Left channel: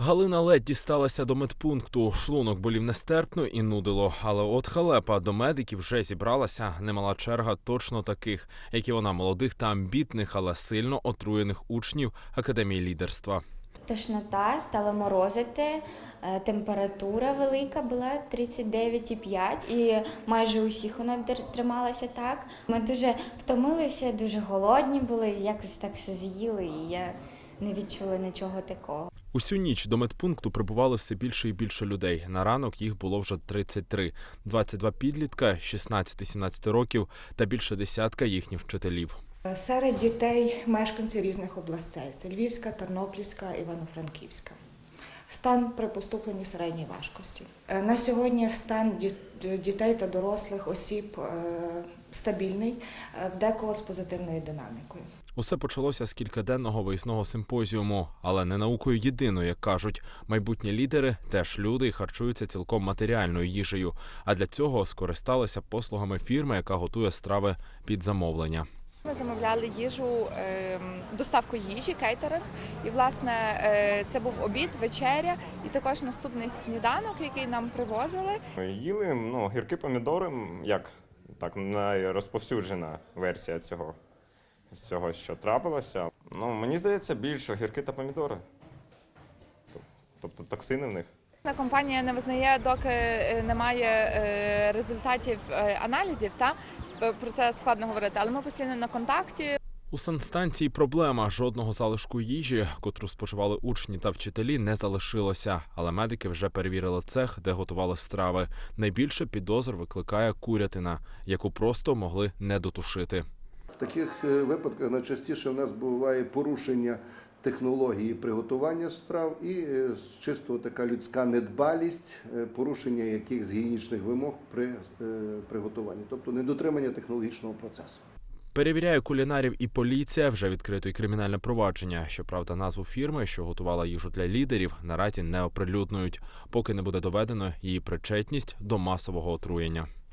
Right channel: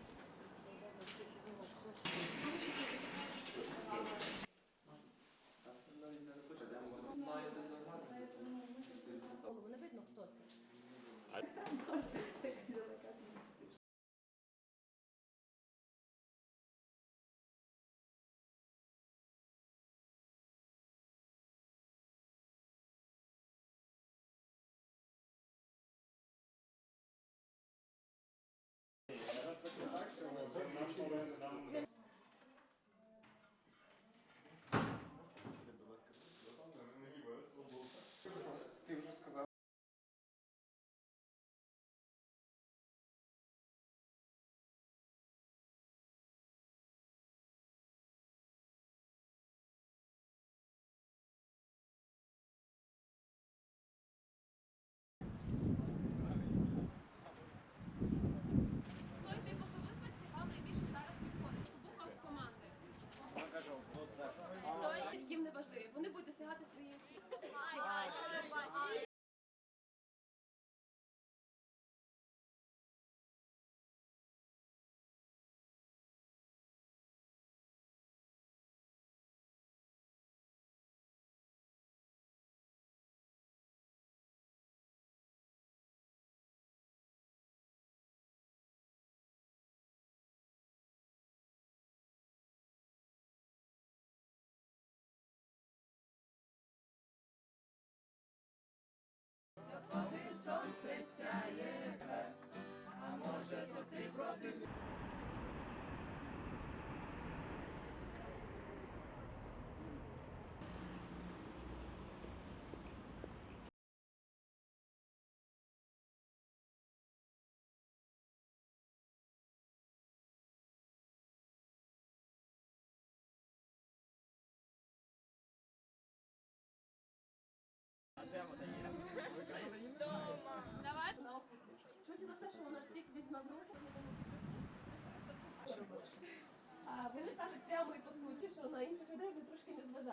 Галина ледь дісталася до медпункту. Шлунок болів нестерпно і нудило. Але от халепа до медиків вже зібралася немала черга точно таких, як і вона, молодих та амбітних, але сильно отруєних учнів академії лідерства. Тошнота, стала морозити, е, температура велика була 39,5 і майже усіх вона трималася так. Ми дуже втомилися, дуже голодні були, якось так все з'їли, і я не відчула нічого такого. Усю ніч до медпункту прибували все більше і більше людей. На ранок їх було вже 33. 22 підлітка, 16-17 років та більше десятка їхніх вчителів. Серед дітей мешканці різних областей: це Львівська, Тернопільська, Івано-Франківська. Стан при поступленні середньої важкості. Е, На сьогодні стан діт- дітей та дорослих осіб е, стабільний, е, в декого з позитивною динамікою. Усе почалося з кількаденного виїзного симпозіуму, але не наукою єдиною, як кажуть. Майбутні лідери теж люди і харчуються цілком матеріальною їжею. А для цього скористалися послугами фірми, яка готує страви під замовлення. Ми замовляли їжу, ем, доставку їжі, кейтеринг. І власне е, це був обід, вечеря і також наступний сніданок, який нам привозили. Їли ну, гірки помідори, як так найрозповсюджена версія цього, з цього, що трапилося. Ну, мені здається, більше гірки та помідори. Тоб- Тобто токсини в них. На компанія не визнає, доки е, немає е, результатів е, аналізів. Та про це складно говорити, але ми постійно на контакті. У санстанції проблема жодного залишку їжі, котру споживали учні та вчителі, не залишилося. Але медики вже перевірили цех, де готували страви. Найбільше підозр викликає курятина, яку просто могли не дотушити. Таких е, випадках найчастіше в нас буває порушення технології приготування страв і е, чисто така людська недбалість, е, порушення якихось гігієнічних вимог при приготуванні, тобто недотримання технологічного процесу. Перевіряє кулінарів і поліція. Вже відкрито й кримінальне провадження. Щоправда, назву фірми, що готувала їжу для лідерів, наразі не оприлюднюють, поки не буде доведено її причетність до масового отруєння.